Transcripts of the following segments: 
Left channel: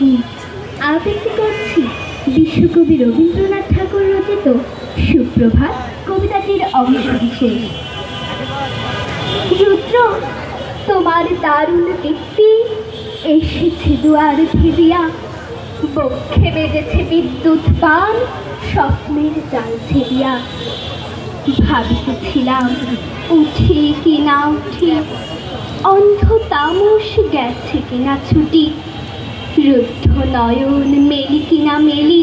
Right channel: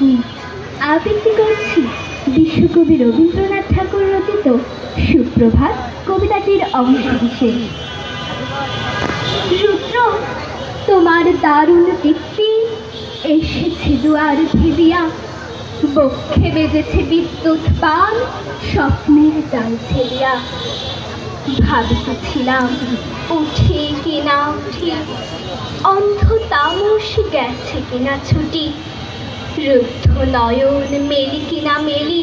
আপনি আবৃত্তি করছি বিশ্বকবি রবীন্দ্রনাথ ঠাকুর রচিত সুপ্রভাত কবিতাটির অংশ বিশেষ। রুদ্র, তোমার দারুণ দীপ্তি এসেছে দুয়ার ভিজিয়া, বক্ষে বেজেছে বিদ্যুৎ বাণ, স্বপ্নের জাল ছেড়িয়া। ভাবিতেছিলাম উঠি কিনা উঠি, অন্ধ তামস গেছে কিনা ছুটি, রুদ্ধ নয়ন মেলি কিনা মেলি,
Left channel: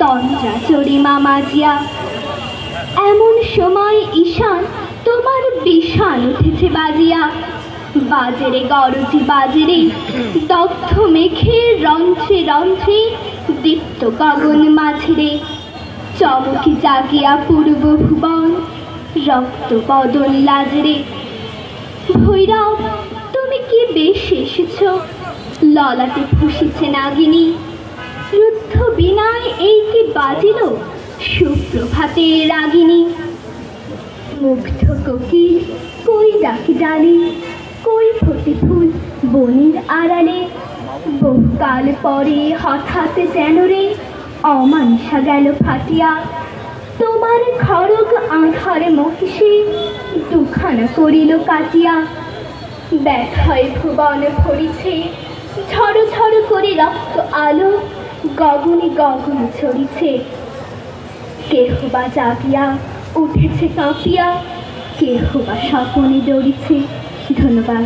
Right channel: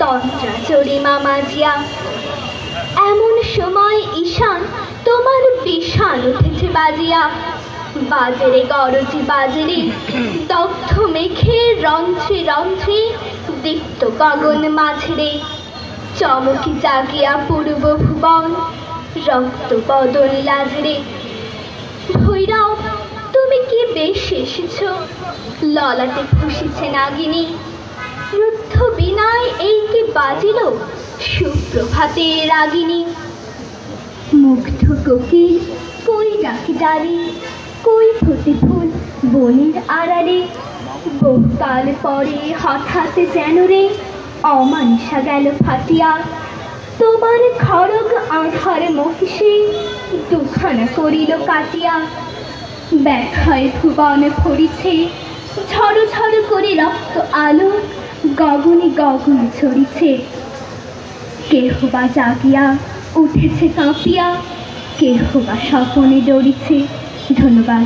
তন্দ্রা চড়িমা মাজিয়া। এমন সময় ঈশান তোমার বিষাণ উঠেছে বাজিয়া, বাজেরে গরজি বাজেরে, দগ্ধ মেঘে রন্ধ্রে রন্ধ্রে, দীপ্ত গগন মাঝেরে। চমকি জাগিয়া পূর্ব ভুবন, রক্ত বদল লাজরে। ভৈরব, তুমি কি বেশ এসেছ, ললাটে ফুসিছে নাগিনী। রুদ্ধ বিনায় এই কি বাজিল, সুপ্রভাতে রাগিনী। মুগ্ধ কোকিল কই ডাকি ডালি, কই ফুটি ফুল বনের আড়ালে। বহুকাল পরে হঠাৎ যেন রে অমানিসা গেল ফাটিয়া, তোমার খড়গ আঁধার মহিষে দুখানা করিল কাটিয়া। ব্যথায় ভুবন ভরিছে, ঝড় ঝড় করে রক্ত আলো, গগনে গগনে ছড়িছে। কেহ বা জাগিয়া উঠেছে কাঁপিয়া, কেহ বা স্বপনে ডরিছে। ধন্যবাদ।